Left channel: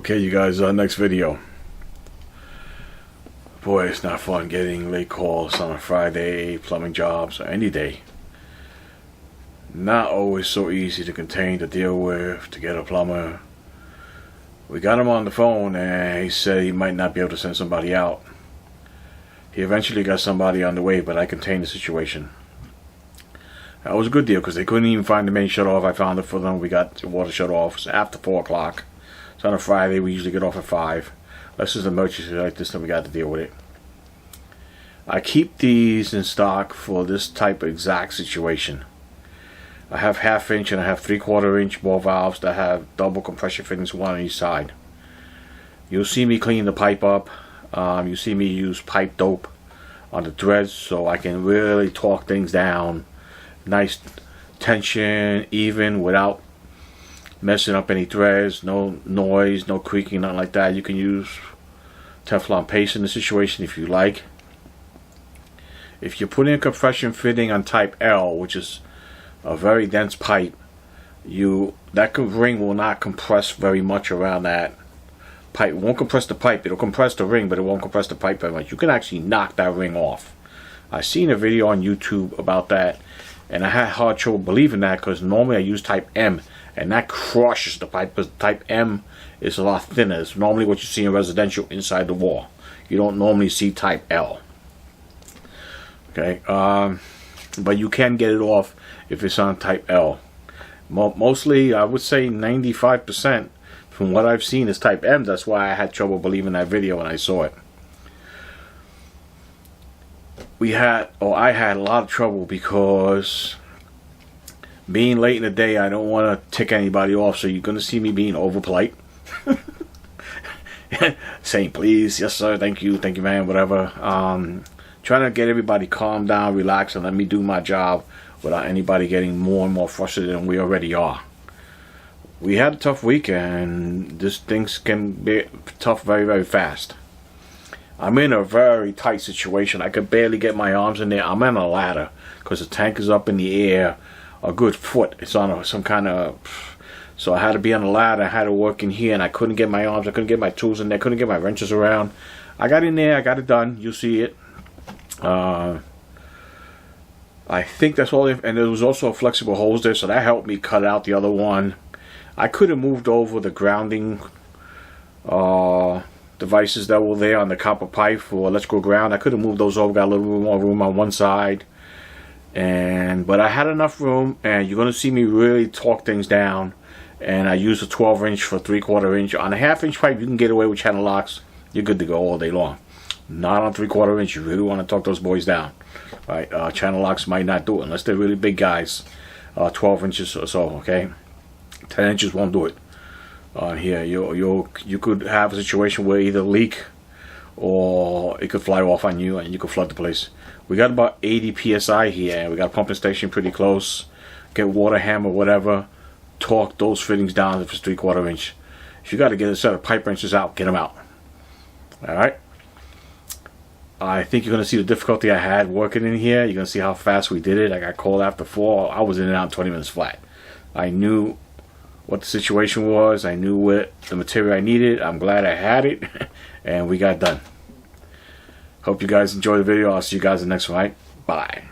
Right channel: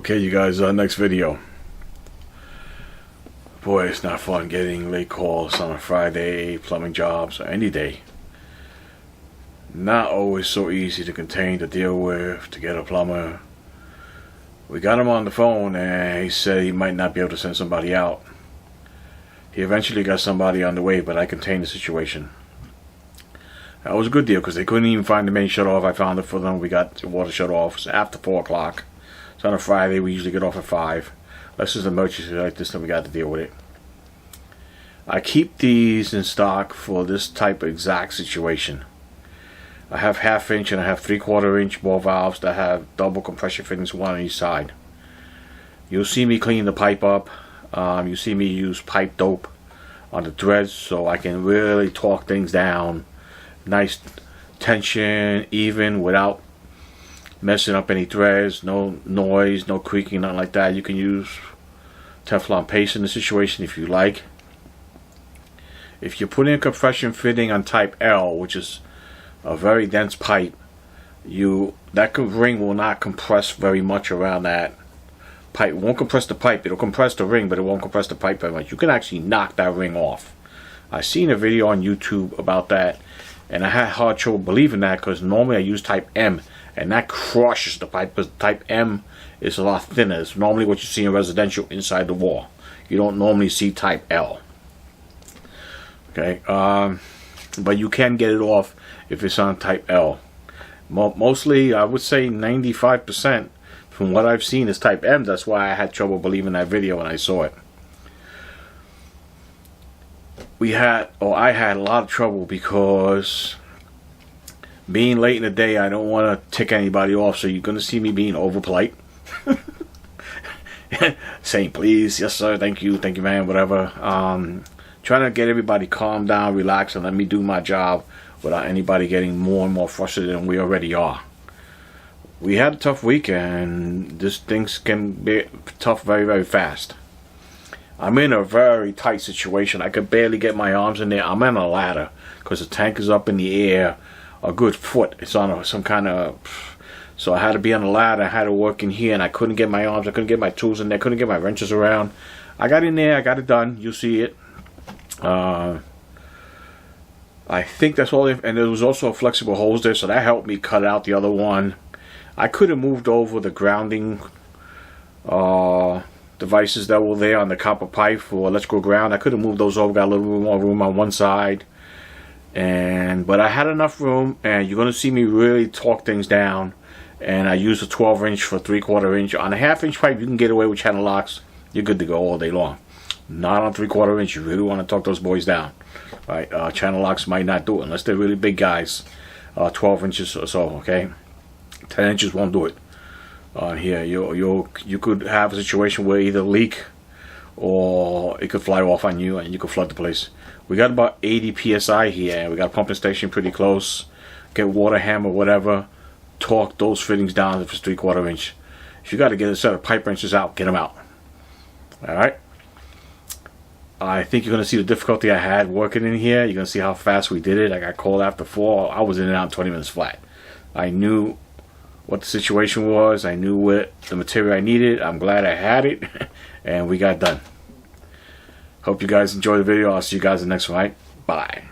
Okay, you guys, next video. Boy, it's not fun getting late calls on a Friday, plumbing jobs, or any day. Not always so easy to contain, to deal with, to get a plumber. We got him on the phone and he said he might not be able to send somebody out. He eventually got somebody on the way, but I contained the situation. That was a good deal because they couldn't even find the main shut off. I found it for them. We got the water shut off. It's after 4 o'clock. It's on a Friday. We usually get off at 5. Unless it's an emergency like this, then we got to deal with it. I keep these in stock for this type of exact situation. I have 1/2 inch and I have 3/4 inch ball valves that have double compression fittings, one on each side. You'll see me clean the pipe up. You see me use pipe dope on the threads so I can really torque things down. Nice tension, even, without messing up any threads. No noise, no creaking, nothing like that. You can use Teflon paste in the situation if you like. If you put in a compression fitting on type L, which is a very dense pipe, that ring will not compress very much around that pipe. It won't compress the pipe. It'll compress the ring, but it won't compress the pipe very much. You can actually knock that ring off. I seen a video on YouTube about that, and I had hard trouble believing that because normally I use type M, and that crushes the pipe because type M is a lot thinner. It's normally what you see in residential inside the wall. You don't normally see type L. Okay, but you can get it off if it's on type L. Mostly, I would say 95% from what I've seen is type M. That's why I had trouble believing that video when I saw it. I had a lot of trouble because being late in the day, I don't want to tick anybody off, so you're going to see me being over polite. Saying please, yes sir, thank you, man, whatever. Trying to get everybody calm down, relax, and let me do my job without anybody getting more and more frustrated than we already are. We had a tough week, and things can be tough very, very fast. I'm in a very tight situation. I could barely get my arms in there. I'm on a ladder because the tank is up in the air a good foot. It's on some kind of... So I had to be on a ladder. I had to work in here, and I couldn't get my arms. I couldn't get my tools in there. I couldn't get my wrenches around. I got in there. I got it done. You'll see it. I think that's all. And there was also a flexible hose there, so that helped me cut out the other one. I could have moved over the grounding devices that were there on the copper pipe for electrical ground. I could have moved those over, got a little bit more room on one side, but I had enough room, and you're going to see me really torque things down. And I used a 12 inch for 3/4 inch. On a 1/2 inch pipe, you can get away with channel locks. You're good to go all day long. Not on 3/4 inch. You really want to torque those boys down, right? Channel locks might not do it unless they're really big guys. 12 inches or so, okay. 10 inches won't do it. Here, you could have a situation where either leak or it could fly off on you and you could flood the place. We got about 80 psi here, and we got a pumping station pretty close. Get water hammer, whatever. Torque those fittings down if it's 3/4 inch. If you got to get a set of pipe wrenches out, get them out. All right. I think you're going to see the difficulty I had working in here. You're going to see how fast we did it. I got called after 4. I was in and out in 20 minutes flat. I knew what the situation was. I knew what the material I needed. I'm glad I had it. And we got done. Hope you guys enjoy the video. I'll see you guys in the next one. Right? Bye.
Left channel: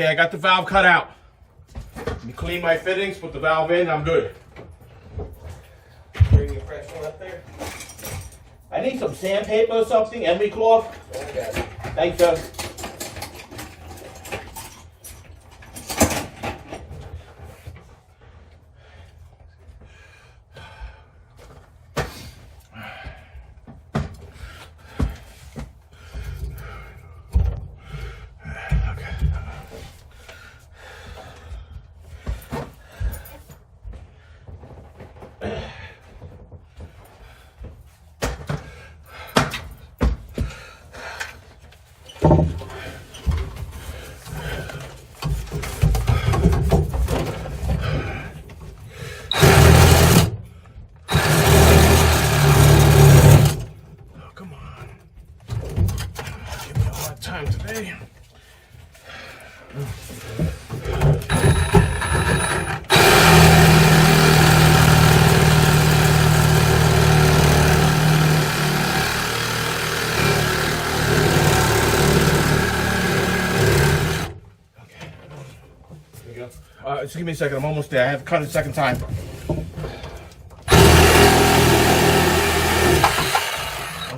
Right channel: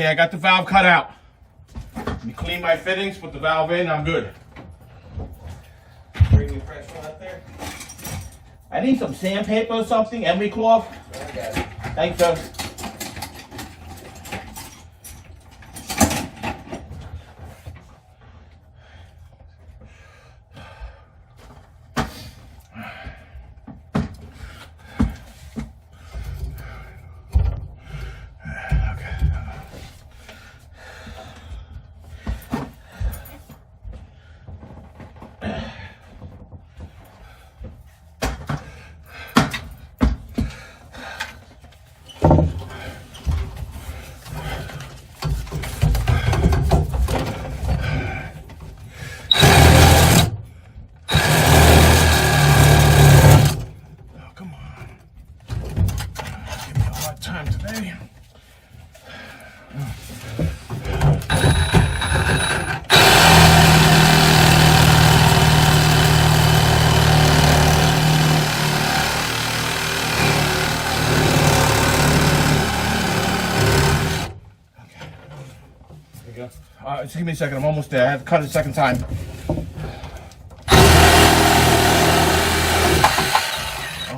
Okay, I got the valve cut out. Let me clean my fittings, put the valve in, I'm good. Bring your fresh one up there. I need some sandpaper or something, emery cloth. Okay. Thanks, sir. Just give me a second, I'm almost there. I have to cut it a second time.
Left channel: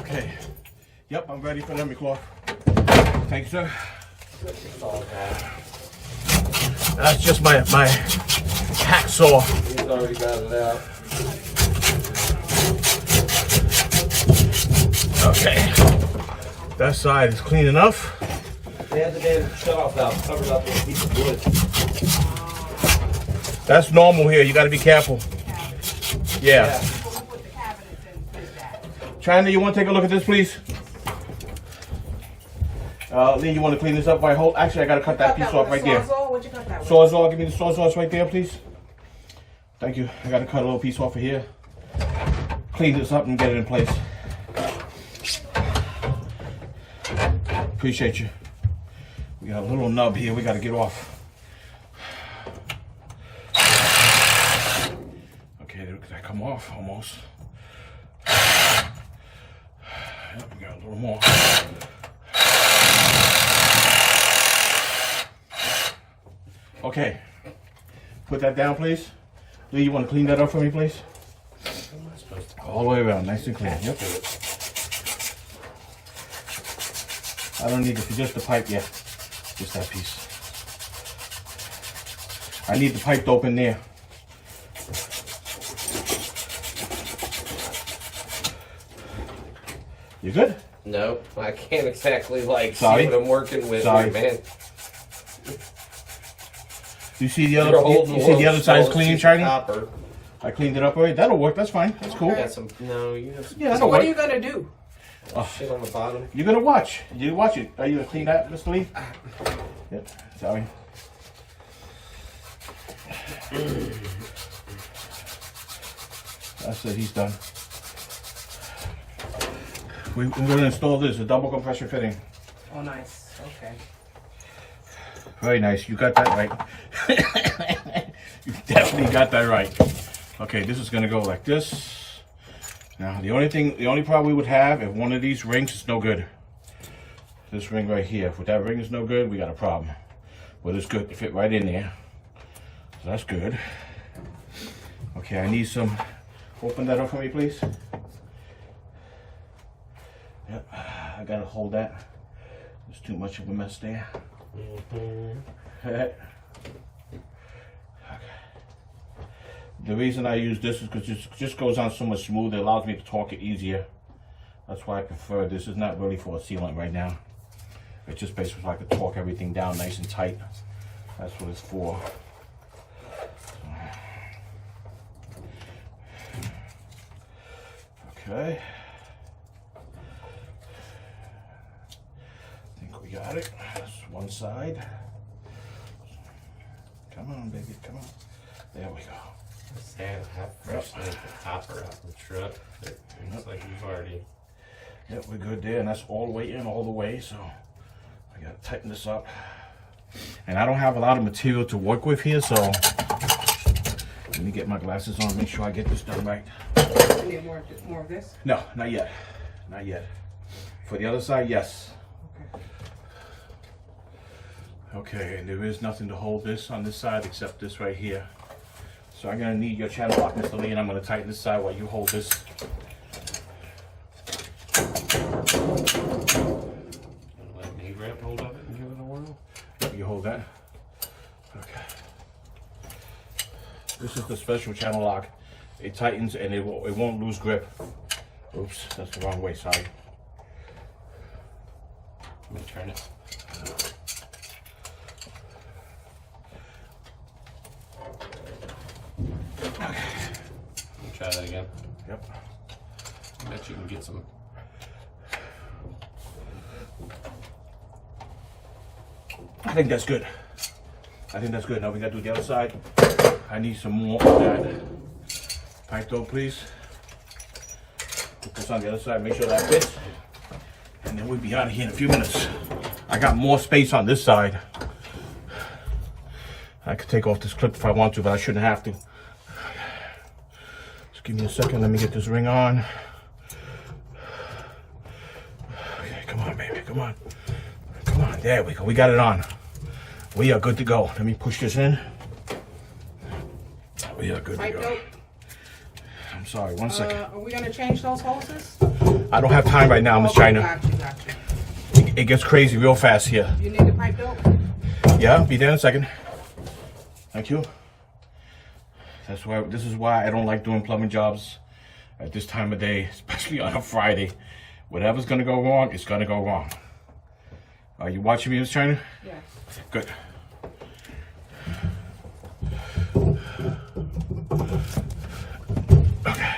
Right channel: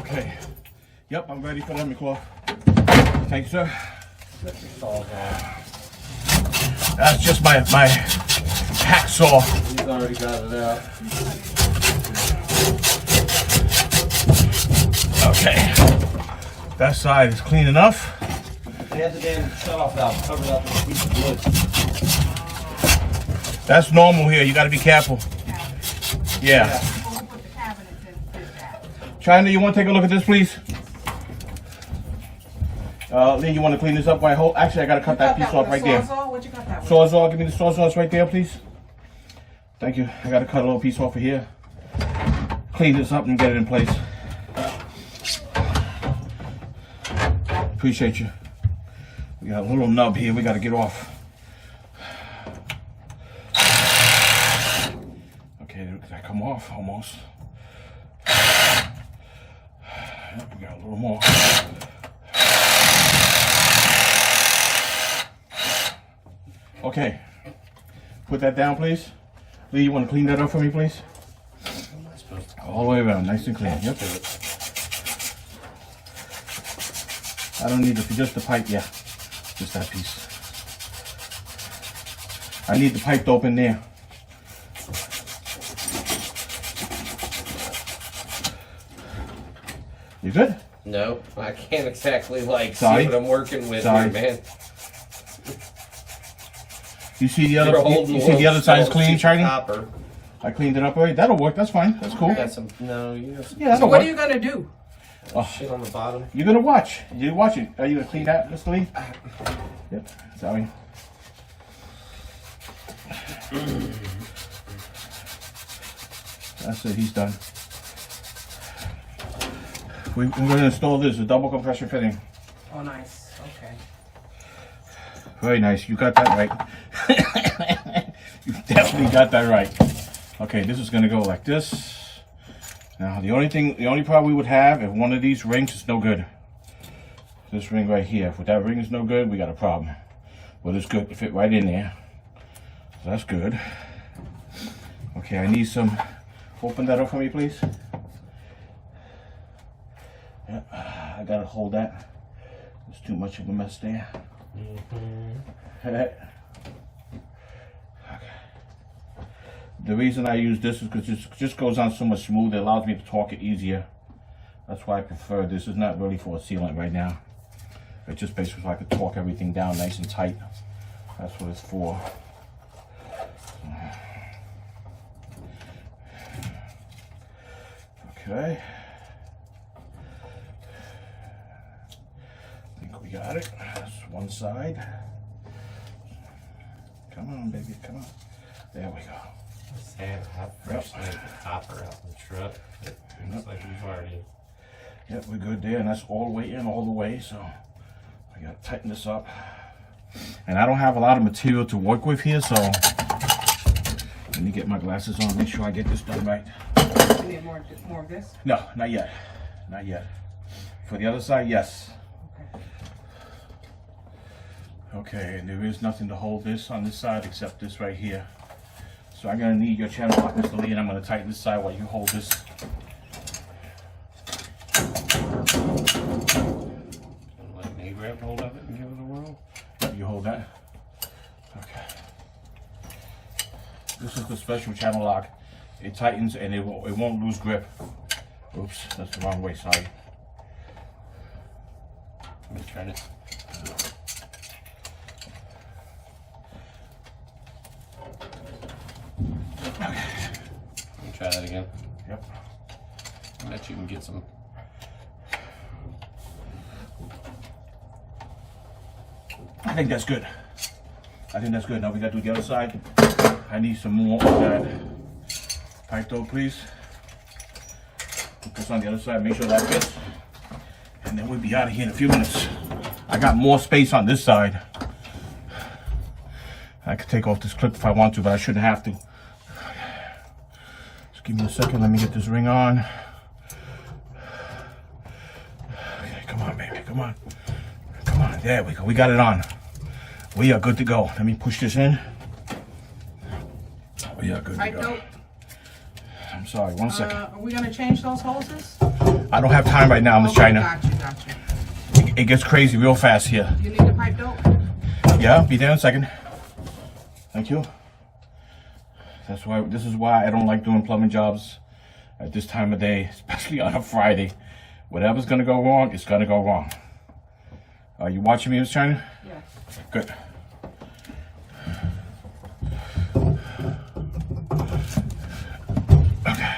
Okay. Yep, I'm ready for emery cloth. Thanks, sir. That's just my hacksaw. He's already got it out. Okay. That side is clean enough. They had to get a shut-off valve covered up with a piece of wood. That's normal here. You got to be careful. Yeah. China, you want to take a look at this, please? Lee, you want to clean this up by whole? Actually, I got to cut that piece off right there. What'd you cut that with? Sawzall, give me the sawzall right there, please. Thank you. I got to cut a little piece off of here. Clean this up and get it in place. Appreciate you. We got a little nub here we got to get off. Okay, did that come off? Almost. Yep, we got a little more. Okay. Put that down, please. Lee, you want to clean that up for me, please? All the way around, nice and clean. Yep. I don't need it for just the pipe, yeah. Just that piece. I need the pipe to open there. You good? No, I can't exactly see Sorry. what I'm working with Sorry. here, man. You see the other? You see the other side's clean, China? I cleaned it up already. That'll work. That's fine. That's cool. Got some, no, you have some Yeah, that'll So what work. are you gonna do? shit on the bottom. You're gonna watch. You watch it. Are you gonna clean that, Mr. Lee? Yep. Sorry. That's it. He's done. We're gonna install this, a double compression fitting. Oh, nice. Okay. Very nice. You got that right. You definitely got that right. Okay, this is gonna go like this. Now the only problem we would have if one of these rings is no good. This ring right here. If that ring is no good, we got a problem. Well, it's good to fit right in there. So that's good. Okay, I need some. Open that up for me, please. Yep, I gotta hold that. There's too much of a mess there. Okay. The reason I use this is because it just goes on so much smoother. It allows me to torque it easier. That's why I prefer this. Is not really for a sealant right now. It's just basically so I can torque everything down nice and tight. That's what it's for. Okay. I think we got it. That's one side. Come on, baby, come on. There we go. Sad, how fresh the copper out the truck. It looks like you've already. Yep, we're good there, and that's all the way in, all the way. So I gotta tighten this up. And I don't have a lot of material to work with here, so let me get my glasses on. Make sure I get this done right. You need more of this? No, not yet. Not yet. For the other side, yes. Okay. Okay, and there is nothing to hold this on this side except this right here. So I'm gonna need your channel lock, Mr. Lee, and I'm gonna tighten this side while you hold this. Let me grab hold of it and give it a whirl. Yep, you hold that. Okay. This is the special channel lock. It tightens and it won't lose grip. Oops, that's the wrong way, sorry. Let me turn it. Okay. Let me try that again. Yep. I bet you can get some. I think that's good. I think that's good. Now we gotta do the other side. I need some more of that pipe though, please. Put this on the other side, make sure that fits. And then we'll be out of here in a few minutes. I got more space on this side. I could take off this clip if I want to, but I shouldn't have to. Just give me a second, let me get this ring on. Okay, come on, baby, come on. Come on, there we go, we got it on. We are good to go. Let me push this in. We are good to Pipe go. dope. I'm sorry, one second. Are we gonna change those hoses? I don't have time right now, Miss Okay, China. Got you. It gets crazy real fast here. You need the pipe dope? Yeah, be there in a second. Thank you. That's why. This is why I don't like doing plumbing jobs at this time of day, especially on a Friday. Whatever's gonna go wrong, it's gonna go wrong. Are you watching me, Miss China? Yeah. Good. Okay.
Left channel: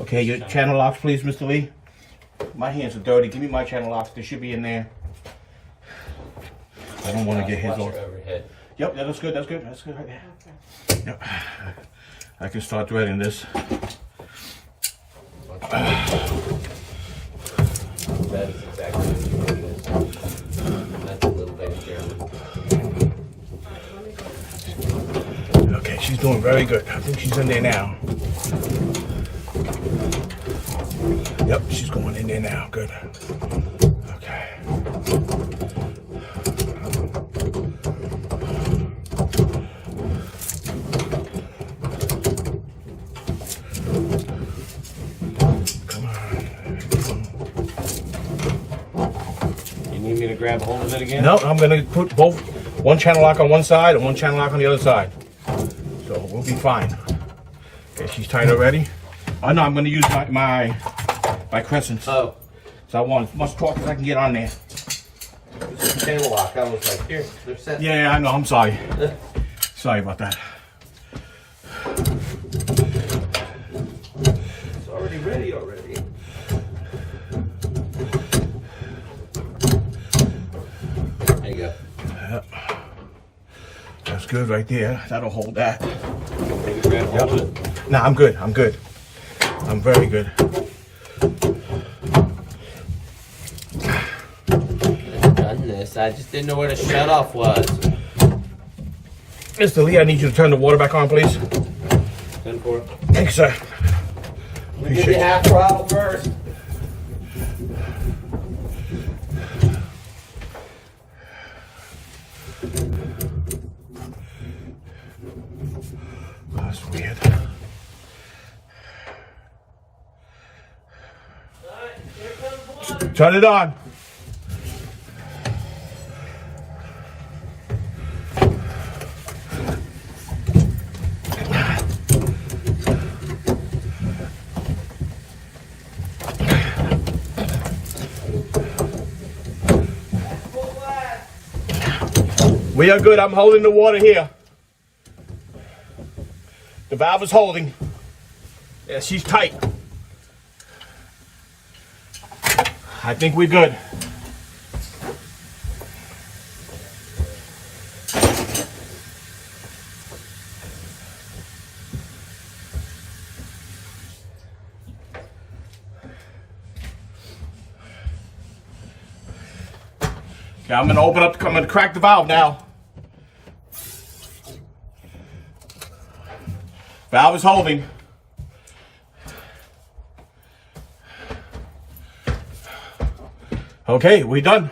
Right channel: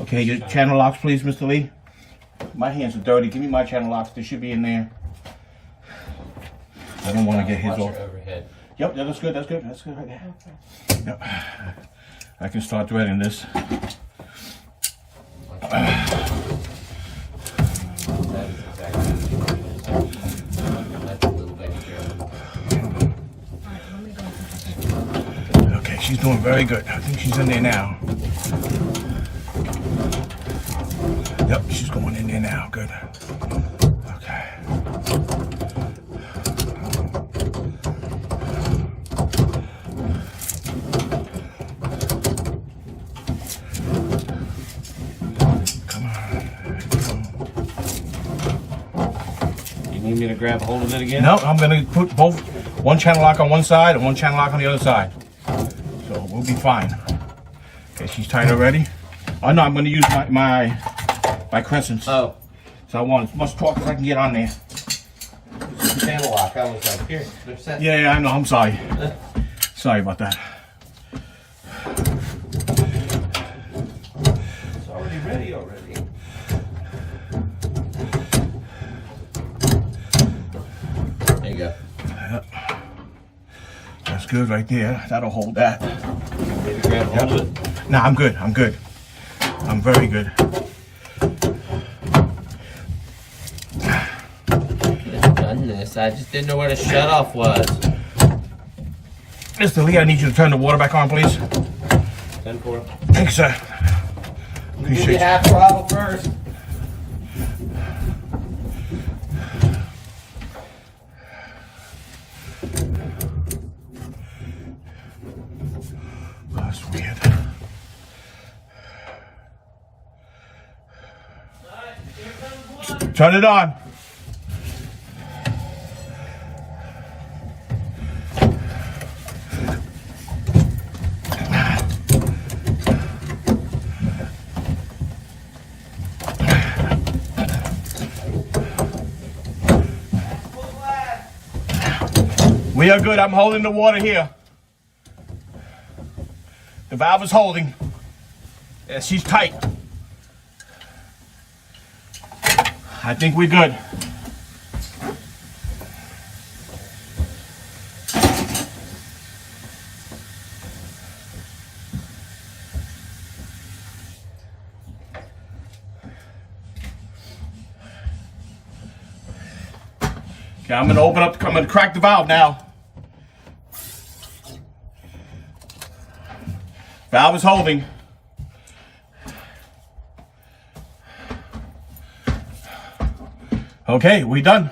Okay, your channel locks, please, Mr. Lee. My hands are dirty. Give me my channel locks. They should be in there. I don't want to get his Watch off. your overhead. Yep, yeah, that's good. That's good. That's good right there. Okay. Yep. I can start threading this. That is exactly what it is. That's a little bit dirty. Okay, she's doing very good. I think she's in there now. Yep, she's going in there now. Good. Okay. Come on. You need me to grab hold of it again? No, I'm gonna put both, one channel lock on one side and one channel lock on the other side. So we'll be fine. Okay, she's tight already. Oh no, I'm gonna use my crescents. Oh, So I want as much torque as I can get on there. channel lock. I was like, here, they're set. Yeah, I know, I'm sorry. Sorry about that. It's already ready already. There you go. Yep. That's good right there. That'll hold that. Maybe grab hold of it. Nah, I'm good. I'm good. I'm very good. I've done this. I just didn't know where the shut off was. Mr. Lee, I need you to turn the water back on, please. 10-4. Thank you, sir. Give me Appreciate it. half throttle first. That's weird. Turn it on. We are good. I'm holding the water here. The valve is holding. Yeah, she's tight. I think we're good. Okay, I'm gonna open up, I'm gonna crack the valve now. Valve is holding. Okay, we done.